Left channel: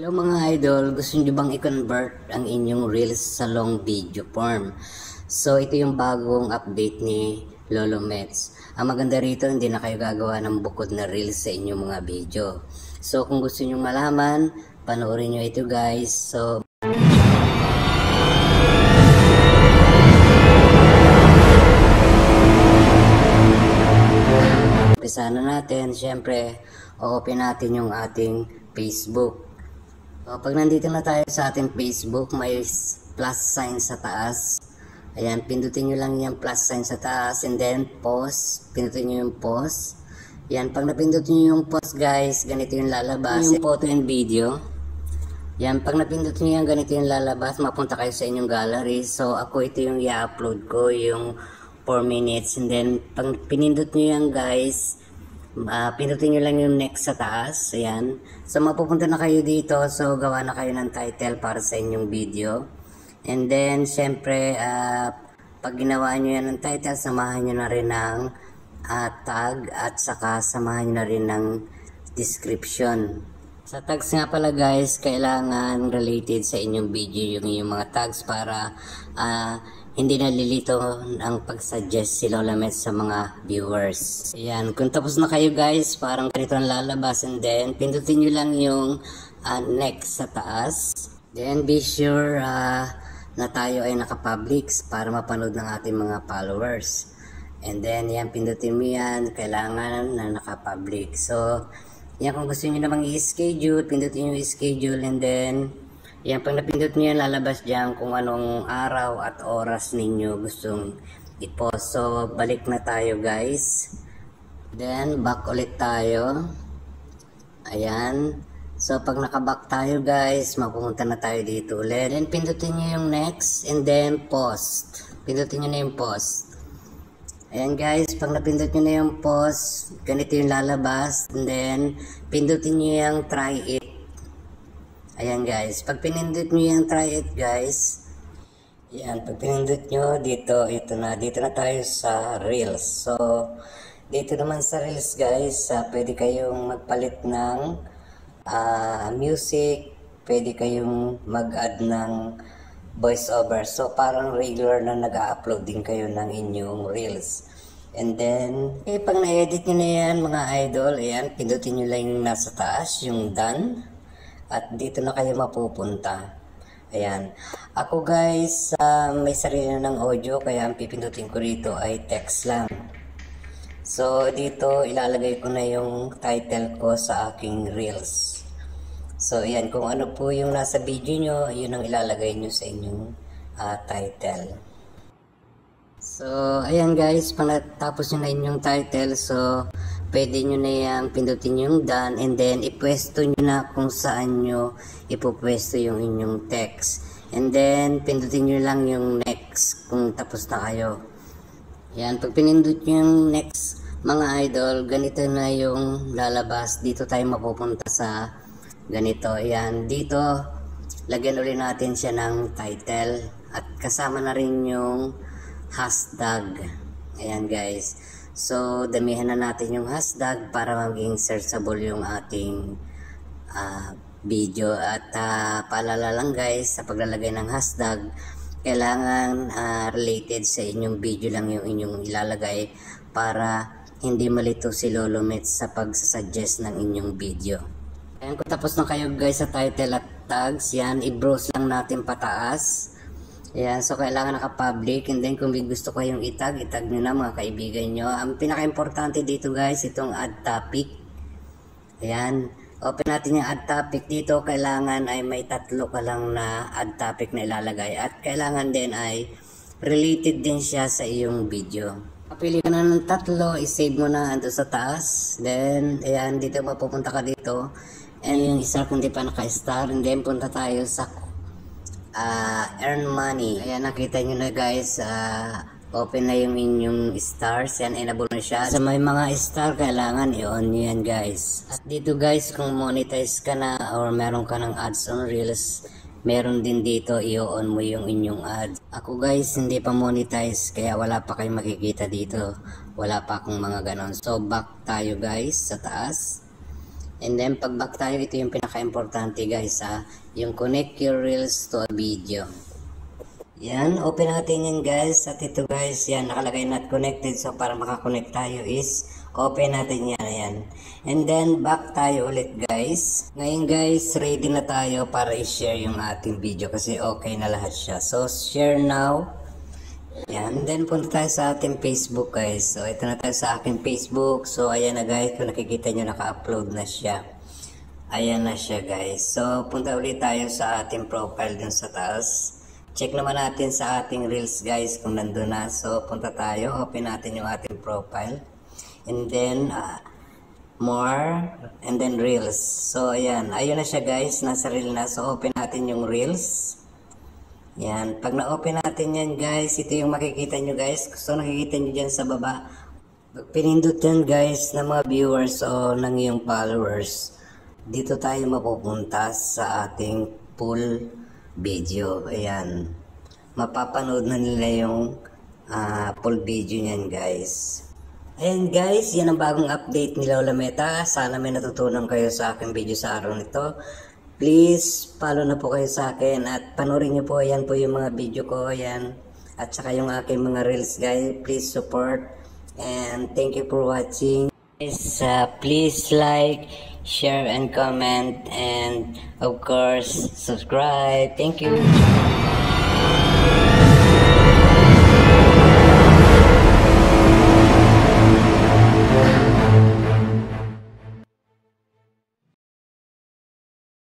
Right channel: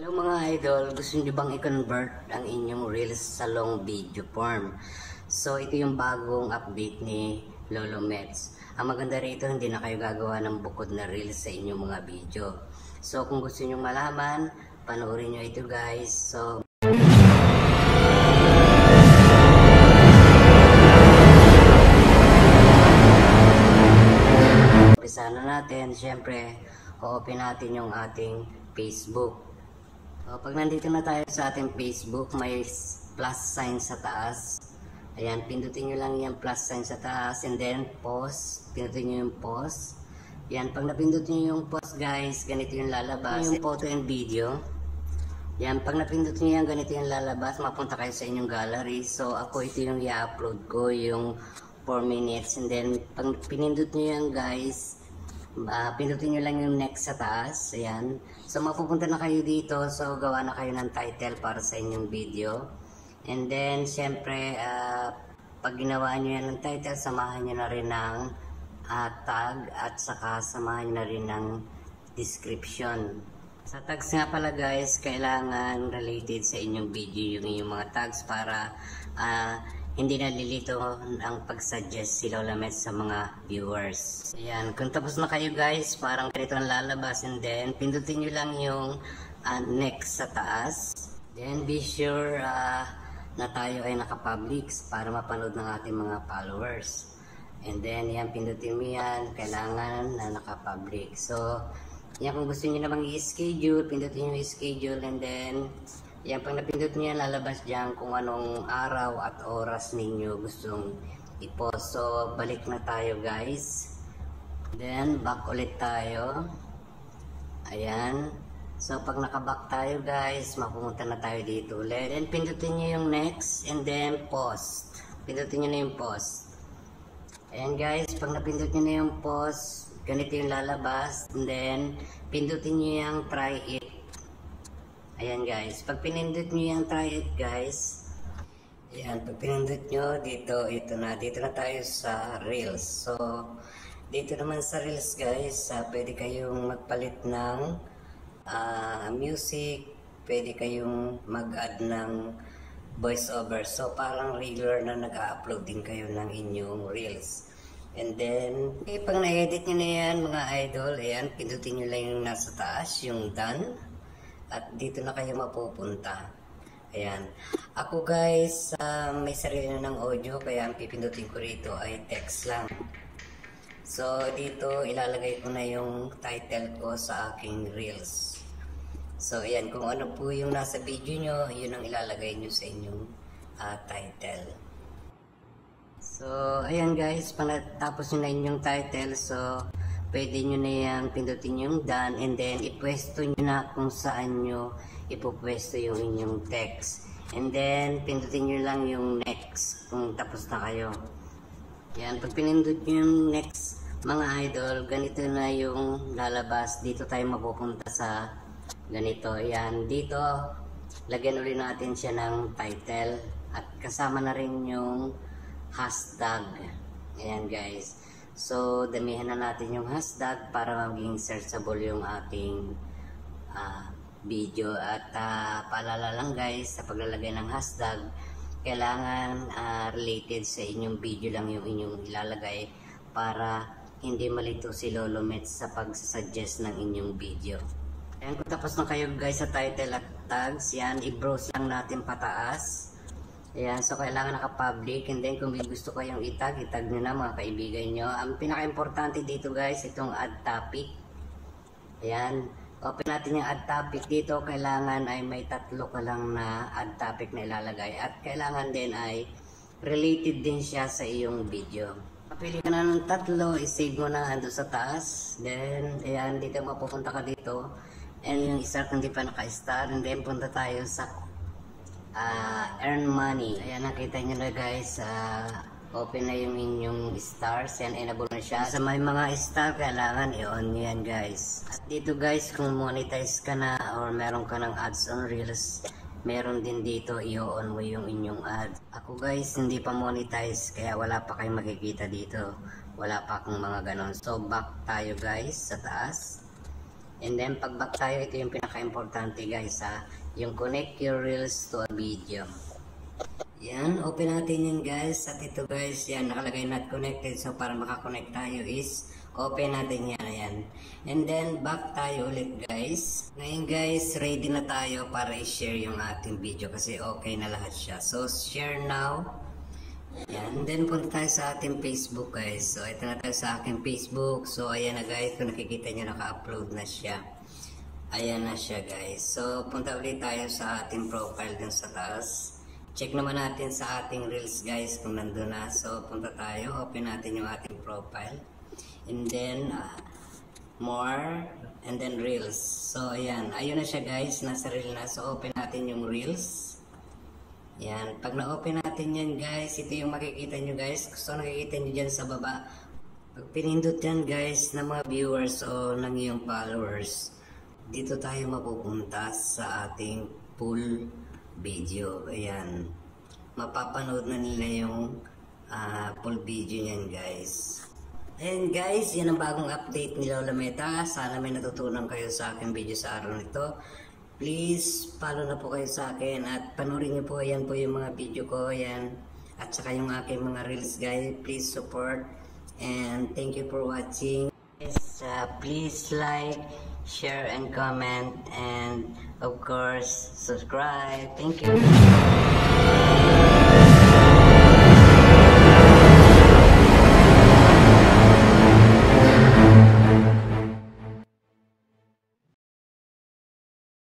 Hello mga idol, gusto nyo bang i-convert ang inyong reels sa long video form? So ito yung bagong update ni Lolo Mets. Ang maganda rito, hindi na kayo gagawa ng bukod na reels sa inyong mga video. So kung gusto nyo malaman, panoorin nyo ito guys. So umpisa na natin. Syempre, open natin yung ating Facebook. So, pag nandito na tayo sa ating Facebook, may plus sign sa taas. Ayan, pindutin nyo lang yung plus sign sa taas and then post. Pindutin nyo yung post. Ayan, pag napindot nyo yung post guys, ganito yung lalabas. Yung photo and video. Ayan, pag napindot nyo yung ganito yung lalabas, mapunta kayo sa inyong gallery. So, ako ito yung i-upload ko, yung 4 minutes. And then, pag pinindot nyo yan guys, pindutin nyo lang yung next sa taas. Ayan. So mapupunta na kayo dito. So gawa na kayo ng title para sa inyong video. And then syempre pag ginawa nyo yan ng title, samahan nyo na rin ng tag at saka samahan nyo na rin ng description. Sa tags nga pala guys, kailangan related sa inyong video yung mga tags para hindi nalilito ang pag-suggest si Lola Mets sa mga viewers. Ayan, kung tapos na kayo guys, parang ganito ang lalabas and then pindutin nyo lang yung next sa taas. Then be sure na tayo ay naka-publics para mapanood ng ating mga followers. And then yan, pindutin mo yan, kailangan na naka-public. So, yan, kung gusto nyo namang i-schedule, pindutin nyo i-schedule and then yan, pag napindot nyo yan, lalabas dyan kung anong araw at oras ninyo gustong i-post. So, balik na tayo guys. Then, back ulit tayo. Ayan. So, pag nakaback tayo guys, mapupunta na tayo dito ulit. Then, pindutin nyo yung next and then post. Pindutin nyo na yung post. Ayan guys, pag napindot nyo na yung post, ganito yung lalabas. And then, pindutin nyo yung try it. Ayan guys, pag pinindot nyo yung try it guys, ayan, pag pinindot nyo, dito na tayo sa Reels. So, dito naman sa Reels guys, pwede kayong magpalit ng music, pwede kayong mag-add ng voiceover. So, parang regular na nag-upload din kayo ng inyong Reels. And then, pag na-edit nyo na yan mga idol, ayan, pindutin nyo lang yung nasa taas, yung done. At dito na kayo mapupunta. Ayan. Ako guys, may sarili na ng audio, kaya ang pipindutin ko dito ay text lang. So, dito ilalagay ko na yung title ko sa aking Reels. So, ayan. Kung ano po yung nasa video nyo, yun ang ilalagay nyo sa inyong title. So, ayan guys, pag natapos nyo na inyong title, so, pwede nyo na yan, pindutin yung done, and then ipwesto nyo na kung saan nyo ipupwesto yung inyong text. And then, pindutin nyo lang yung next kung tapos na kayo. Yan, pag pinindot nyo yung next, mga idol, ganito na yung lalabas. Dito tayo mapupunta sa ganito. Yan, dito, lagyan ulit natin siya ng title. At kasama na rin yung hashtag. Ayan guys. So, damihan na natin yung hashtag para maging searchable yung ating video. At paalala lang guys, sa paglalagay ng hashtag, kailangan related sa inyong video lang yung inyong ilalagay para hindi malito si Lolo Mets sa pag-suggest ng inyong video. Ayan, kung tapos na kayo guys sa title at tags, yan, i-browse lang natin pataas. Ayan, so kailangan naka-public, and then kung gusto ko yung itag nyo na mga kaibigan nyo. Ang pinaka-importante dito guys, itong add topic. Ayan, open natin yung add topic dito. Kailangan ay may tatlo ka lang na add topic na ilalagay. At kailangan din ay related din siya sa iyong video. Kapili ka na ng tatlo, isave mo na ando sa taas. Then, ayan, dito mapupunta ka dito. And yung isa kung di pa naka-star, and then punta tayo sa earn money. Ayan, nakita nyo na guys, open na yung inyong stars. Yan, enable na siya. Sa may mga star, kailangan i-on nyo yan guys. At dito guys, kung monetize ka na or meron ka ng ads on Reels, meron din dito, i-on mo yung inyong ads. Ako guys, hindi pa monetize, kaya wala pa kayong makikita dito. Wala pa akong mga ganon. So, back tayo guys sa taas. And then pag back tayo, ito yung pinaka-importante guys ha, yung connect your reels to a video. Yan, open natin yan guys, at ito guys, yan nakalagay not connected, so para makakonect tayo is open natin yan, ayan. And then back tayo ulit guys. Ngayon guys, ready na tayo para i-share yung ating video kasi okay na lahat siya. So share now. Yan, then punta tayo sa ating Facebook guys. So ito na tayo sa aking Facebook. So ayan na guys, kung nakikita nyo naka-upload na siya. Ayan na siya guys. So punta ulit tayo sa ating profile dun sa taas. Check naman natin sa ating reels guys kung nandun na. So punta tayo, open natin yung ating profile. And then more, and then reels. So ayan, ayun na siya guys, nasa reel na. So open natin yung reels. Yan, pag na-open natin yan guys, ito yung makikita nyo guys. So nakikita nyo dyan sa baba. Pag pinindot yan guys ng mga viewers o ng iyong followers, dito tayo mapupunta sa ating full video. Ayan, mapapanood na nila yung full video nyan guys. Ayan guys, yan ang bagong update ni Lola Meta. Sana may natutunan kayo sa aking video sa araw nito. Please, follow na po kayo sa akin at panoorin nyo po, ayan po yung mga video ko, ayan. At saka yung aking mga reels guys, please support. And thank you for watching. Please like, share and comment, and of course, subscribe. Thank you.